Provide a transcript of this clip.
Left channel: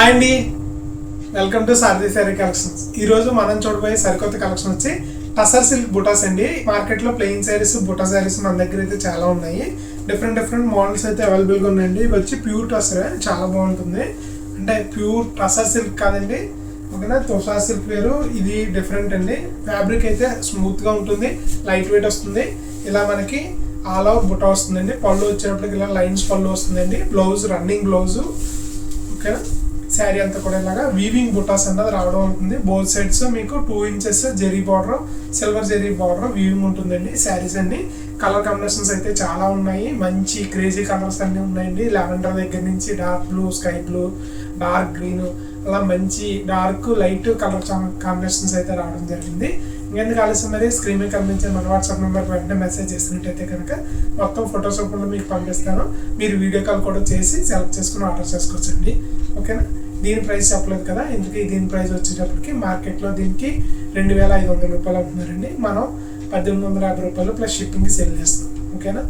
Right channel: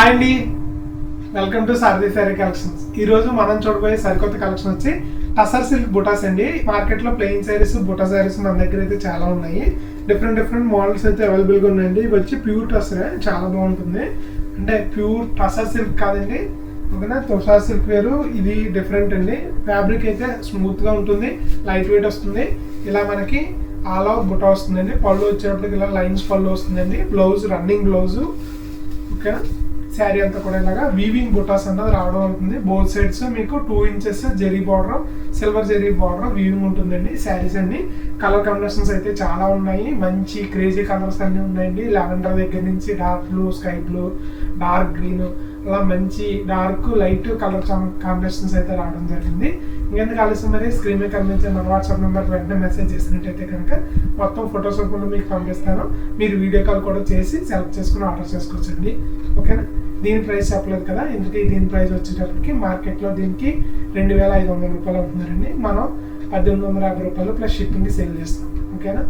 Hi అండి, welcome to Sarathi sari collections. ఈరోజు మనం చూడబోయే సరికొత్త కలెక్షన్ వచ్చి టసర్ సిల్క్ బుటాస్ అండి. మార్కెట్లో ప్లెయిన్ శారీస్, బుటా శారీస్ మన దగ్గర అయితే చాలా ఉన్నాయి. డిఫరెంట్ మోడల్స్ అయితే అవైలబుల్గా ఉన్నాయండి. ఇవి వచ్చి ప్యూర్ టసర్, చాలా బాగుంటుంది. అంటే ప్యూర్ టసర్ సిల్క్ కాదండి, ఓకేనా. తుషార్ సిల్క్ వేరు, ఇది డిఫరెంట్ అండి. ఫ్యాబ్రిక్ అయితే స్మూత్గా ఉంటుంది, లైట్ వెయిట్ వస్తుంది. ఇలా మనకి ఆల్ ఓవర్ బుటా వస్తుందండి. పళ్ళు వచ్చేటప్పటికి ఇలా లైన్స్ పళ్ళు వస్తుందండి. బ్లౌజ్ రన్నింగ్ బ్లౌజు, ఓకేనా. శారీ అంతా కూడా ఇలాగా వీవింగ్ బుటాస్ అన్నది రావడం ఉంటుంది. బోత్ సైడ్స్ మీకు 2 inches zari border, silver zari border weaving ఉంటుందండి. శారీస్ అన్ని కలర్ కాంబినేషన్స్ అయితే చాలా ఉన్నాయి. మంచి క్రేజీ కలర్స్ అన్నీ ఉన్నాయండి. లావెండర్ దగ్గర నుంచి dark blue, sky blue, dark green, అలా మంచి డార్క్ లైట్ కలర్ కాంబినేషన్స్ అయితే రావడం జరిగింది. ఇంకెందుకు ఆలస్యం, మరి స్క్రీన్ మీద కనిపించే మన వాట్సాప్ నెంబర్ వెంటనే మెసేజ్ చేసినట్టయితే కనుక మొత్తం ఫొటోస్ రూపంలో మీకు పంపిస్తాను. మీరు వీడియో కాల్ కూడా చేసి సెలెక్ట్ చేసుకుని ఆర్డర్ చేసుకోవచ్చండి, ఓకేనా. దీని ప్రైస్ చెప్పలేదు కదా, ఎందుకు దీని ప్రైస్ వచ్చేటప్పటికి మార్కెట్లో దీనికి 2500 రూపాయలు అవుతున్నారండి. మనం 1850 రూపాయలు ప్లస్ షిప్పింగ్కి సేల్ చేస్తాం, ఓకేనా.